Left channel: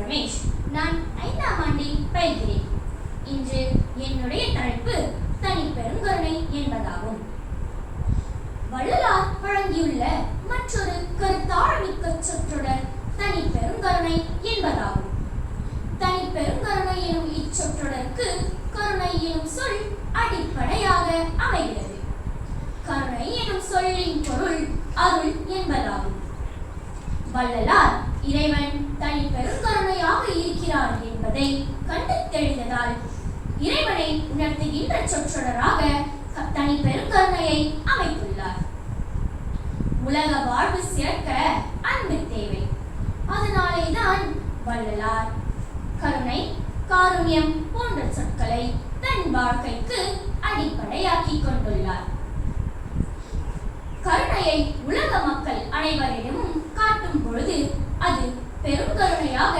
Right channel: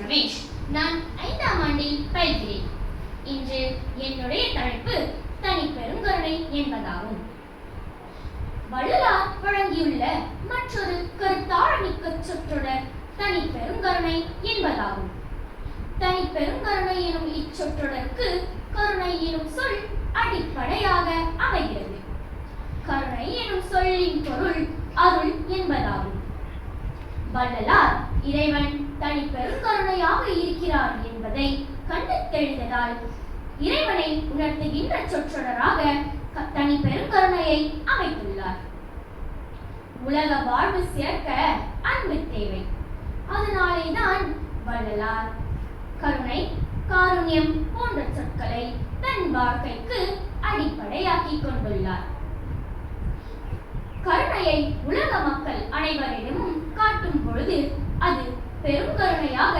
ரமேஷ். நான் 5ஆம் ஆண்டில் பயில்கிறேன். இன்று என்னுடைய தலைப்பு தனிப்பெருங்கருணை என்பதாகும். வள்ளலார் வழங்கியுள்ள மற்றொரு கருத்தாழமிக்க சொற்றொடர் தனிப்பெருங்கருணை என்பதாகும். தனிப்பெருங்கருணை எனும் இச்சொற்றொடருக்கு கருணை எனும் சொல் அடிப்படையாக அமைகிறது. கருணை எனும் சொல்லின் பொருள் அருள் என்பதாகும். வள்ளலார் இறைவன் தனிப்பெருங்கருணையாக இருக்கிறார் என்பதை கண்டு தெளிந்ததால் இறைவனை உணர்த்துகின்ற சொற்றொடராக தனிப்பெருங்கருணையை அமைத்துள்ளார். உலக வாழ்வு சிறக்க அன்பு தேவை. அதனாலேதான் வள்ளலார் கருணை, காருண்யம் போன்ற சொற்களை தன் வாழ்க்கைக்கு அடிப்படையாக்கி கொண்டுள்ளார். கருணையை உலக மக்கள் அனைவரிடமும் காட்டும் பொழுது அது பெருங்கருணையாக